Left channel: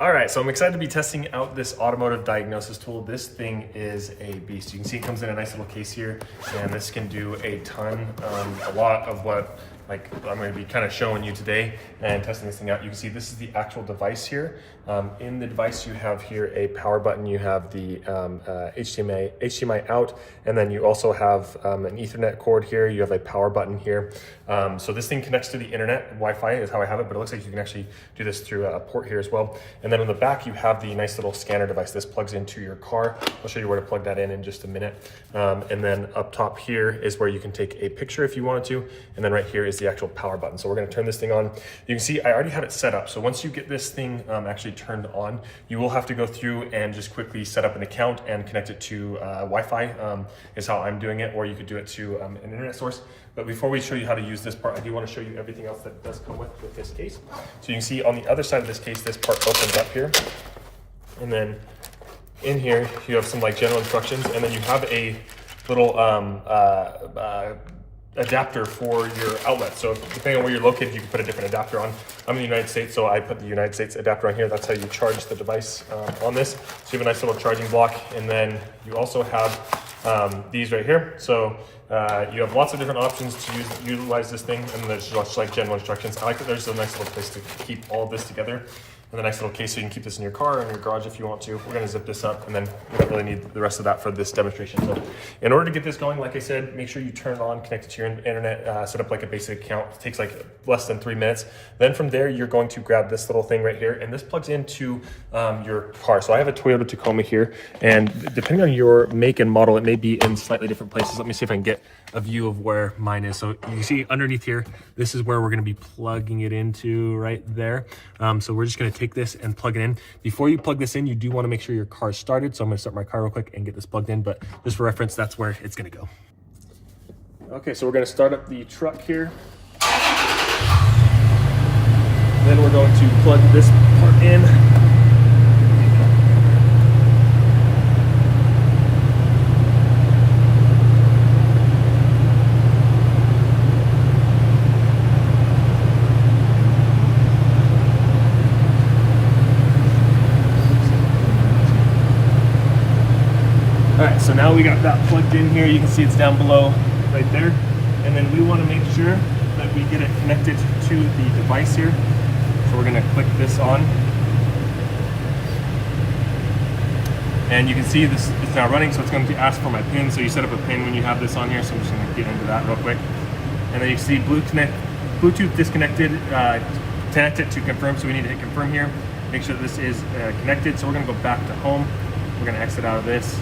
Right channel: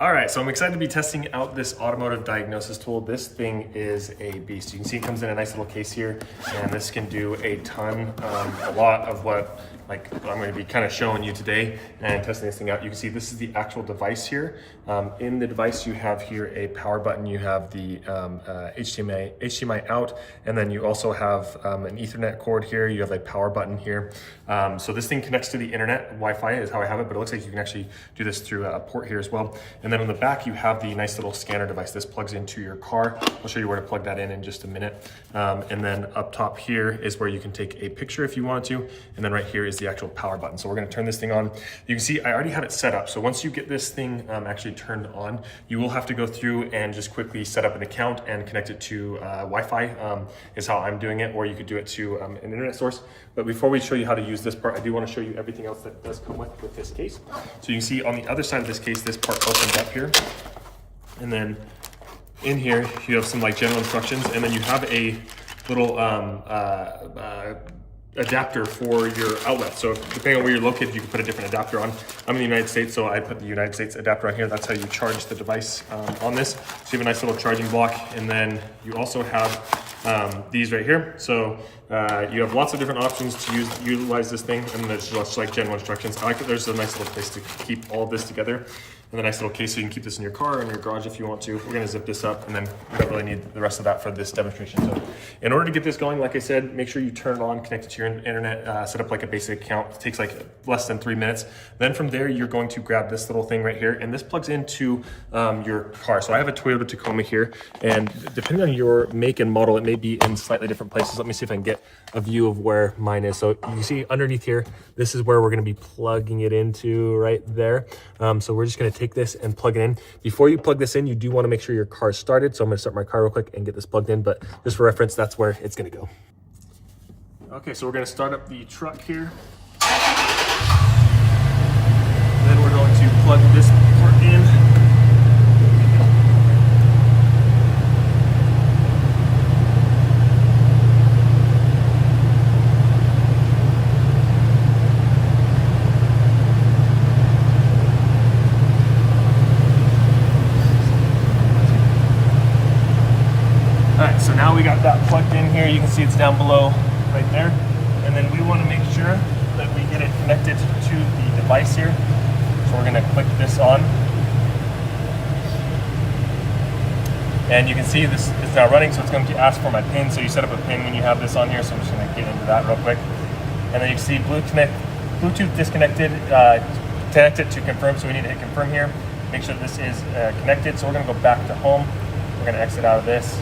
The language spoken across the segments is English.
All right, so I'm excited to be testing out this automotive diagnosis tool. This thing is a beast. You can see it comes in a nice little case here, and this can do a ton, a lot of what I'm going to be kind of showing you today and testing this thing out. You can see this is the actual device here. In the device, you have here a power button. You have the HDMI out, and then you also have an Ethernet cord here. You have a power button here. So this thing connects to the internet. Wi-Fi is how I have it, but it looks like you can actually do this through a port here as well. And then on the back, you have the nice little scanner device. This plugs into your car. I'll show you where to plug that in just a minute. And then up top here is where you can take a picture if you wanted to. And then right here is the actual power button. So we're going to turn this thing on. You can see I already had it set up. So once you get this thing actually turned on, you will have to go through and just quickly set up an account and connect it to Wi-Fi is how I'm doing it, or you could do it to an internet source. But before we show you how to use this part, I do want to show you everything else that does come with this case. So you can see on the other side of this case, this part opens up here. And then in here, you have some general instructions, and then you have a little adapter for your outlet. So depending on where you're located, you can put a different adapter on. I'm in the United States, so I put the United States adapter on here. That's how you charge the device on this. So you have a nice little charging block, and then you also have these right here. So you have lots of different options to utilize this thing, and there's just general instructions. I like that there's a nice little place to keep all of this together. And the nice little case, so you can keep this in your car or in your garage if you want to. We're gonna zip this up, and then we don't really need the rest of that for this demonstration. So in order to get this going, like I said, make sure you turn it on, connect it to your internet, set up a basic account. It takes less than 3 minutes. Then from there, you're going to grab this little thing right here, and this plugs into your car. So I have a Toyota Tacoma here, and depending on your make and model, it may be in slightly different places. Let me see if I can get a view of where mine is. So you can see underneath here, this is where we're gonna be plugging it into right there. So we're just gonna take this and plug it in. Before you plug this in, you do wanna make sure your car's started. So I'm gonna start my car real quick and get this plugged in, but just for reference, that's where it's gonna go. Okay, so we're gonna start up the truck here. Then we're going to plug this part in. So now we got that plugged in here. You can see it's down below right there. And then we want to make sure that we get it connected to the device here. So we're going to click this on. And you can see this is now running, so it's going to ask for my PIN. So you set up a PIN when you have this on here. So I'm just going to get into that real quick. And then you see Bluetooth disconnected, connect it to confirm. So we need to hit confirm here. Make sure that this is connected. So we're going to go back to home. We're going to exit out of this.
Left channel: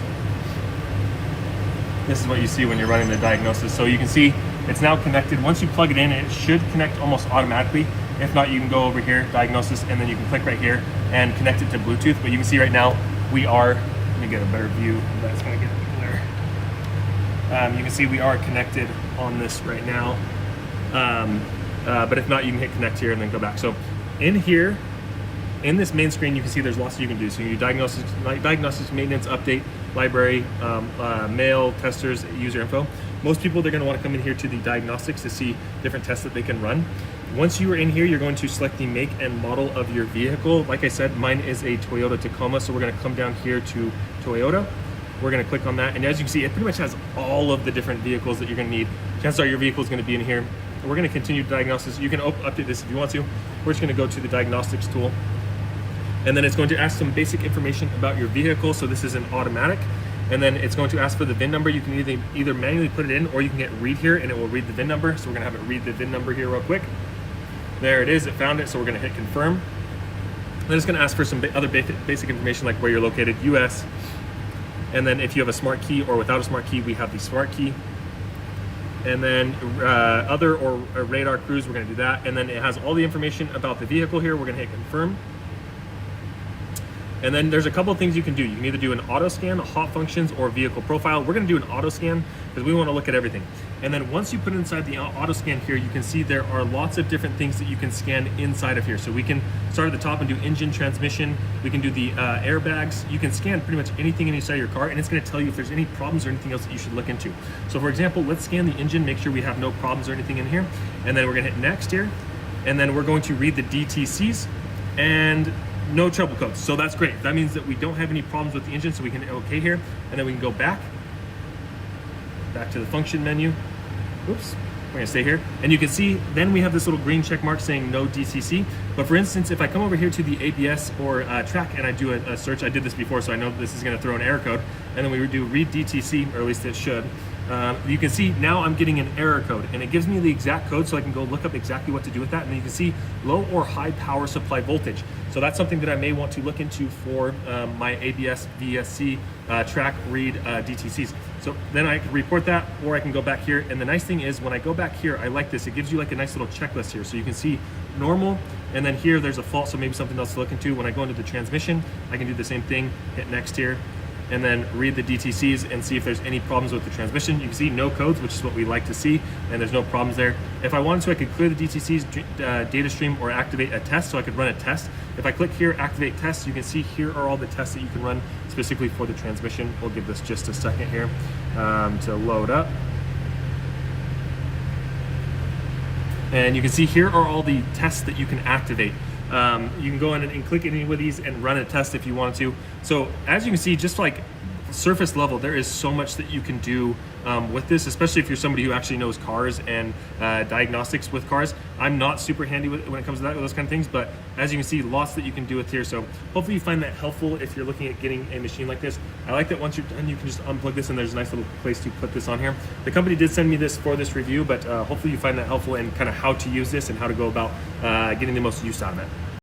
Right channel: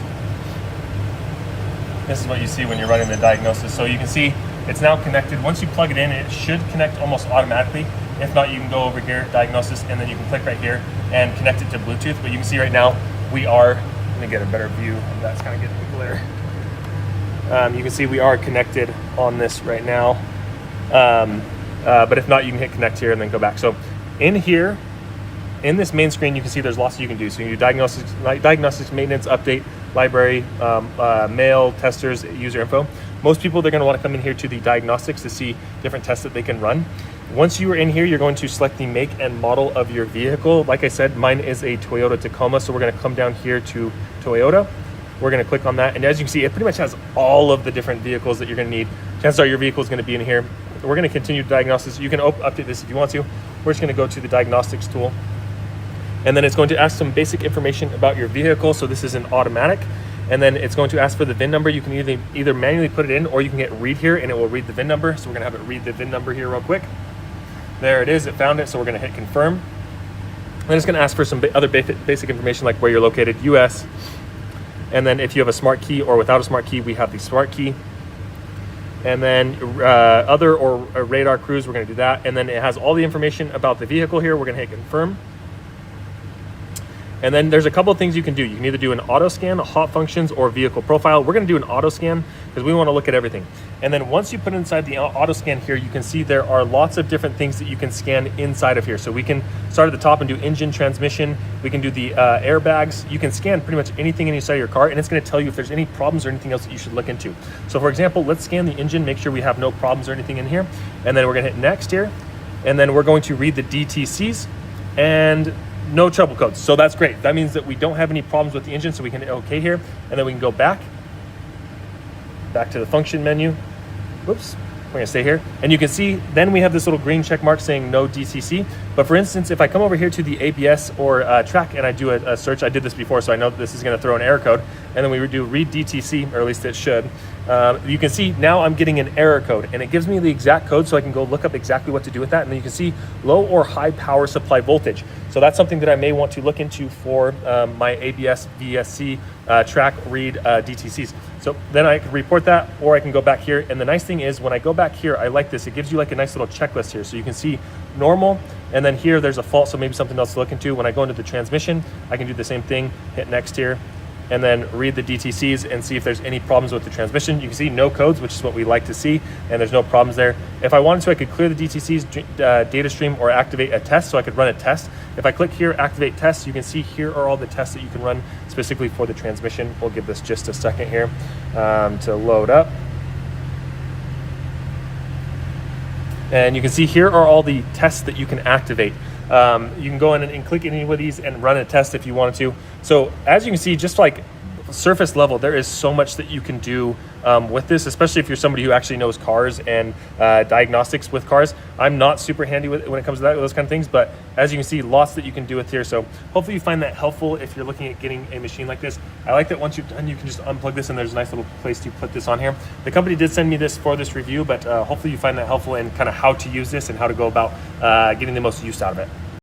This is what you see when you're running the diagnosis. So you can see it's now connected. Once you plug it in, it should connect almost automatically. If not, you can go over here, diagnosis, and then you can click right here and connect it to Bluetooth. But you can see right now, we are, let me get a better view. That's kind of getting clear. You can see we are connected on this right now. But if not, you can hit connect here and then go back. So in here, in this main screen, you can see there's lots you can do. So you do diagnostics, maintenance, update, library, mail, testers, user info. Most people, they're going to want to come in here to the diagnostics to see different tests that they can run. Once you are in here, you're going to select the make and model of your vehicle. Like I said, mine is a Toyota Tacoma, so we're going to come down here to Toyota. We're going to click on that, and as you can see, it pretty much has all of the different vehicles that you're going to need. Chances are your vehicle is going to be in here. We're going to continue diagnostics. You can update this if you want to. We're just going to go to the diagnostics tool. And then it's going to ask some basic information about your vehicle. So this is an automatic. And then it's going to ask for the VIN number. You can either manually put it in, or you can hit read here and it will read the VIN number. So we're gonna have it read the VIN number here real quick. There it is, it found it. So we're gonna hit confirm. Then it's gonna ask for some other basic information like where you're located, US. And then if you have a smart key or without a smart key, we have the smart key. And then other or radar cruise, we're gonna do that. And then it has all the information about the vehicle here. We're gonna hit confirm. And then there's a couple of things you can do. You can either do an auto scan, a hot functions, or vehicle profile. We're gonna do an auto scan because we wanna look at everything. And then once you put inside the auto scan here, you can see there are lots of different things that you can scan inside of here. So we can start at the top and do engine, transmission. We can do the airbags. You can scan pretty much anything inside your car, and it's gonna tell you if there's any problems or anything else that you should look into. So for example, let's scan the engine, make sure we have no problems or anything in here. And then we're gonna hit next here. And then we're going to read the DTCs. And no trouble codes. So that's great. That means that we don't have any problems with the engine, so we can hit OK here, and then we can go back to the function menu. Whoops. We're gonna stay here, and you can see then we have this little green check mark saying no DCC. But for instance, if I come over here to the ABS or track and I do a search, I did this before, so I know this is gonna throw an error code, and then we do read DTC, or at least it should. You can see now I'm getting an error code, and it gives me the exact code, so I can go look up exactly what to do with that. And then you can see low or high power supply voltage. So that's something that I may want to look into for my ABS VSC track read DTCs. So then I can report that, or I can go back here. And the nice thing is when I go back here, I like this. It gives you like a nice little checklist here. So you can see normal, and then here there's a fault, so maybe something else to look into. When I go into the transmission, I can do the same thing, hit next here, and then read the DTCs and see if there's any problems with the transmission. You can see no codes, which is what we like to see, and there's no problems there. If I wanted to, I could clear the DTCs data stream or activate a test, so I could run a test. If I click here, activate tests, you can see here are all the tests that you can run specifically for the transmission. We'll give this just a second here to load up. And you can see here are all the tests that you can activate. You can go in and click any of these and run a test if you wanted to. So as you can see, just like surface level, there is so much that you can do with this, especially if you're somebody who actually knows cars and diagnostics with cars. I'm not super handy when it comes to those kind of things, but as you can see, lots that you can do with here. So hopefully you find that helpful if you're looking at getting a machine like this. I like that once you're done, you can just unplug this and there's a nice little place to put this on here. The company did send me this for this review, but hopefully you find that helpful and kind of how to use this and how to go about getting the most use out of it.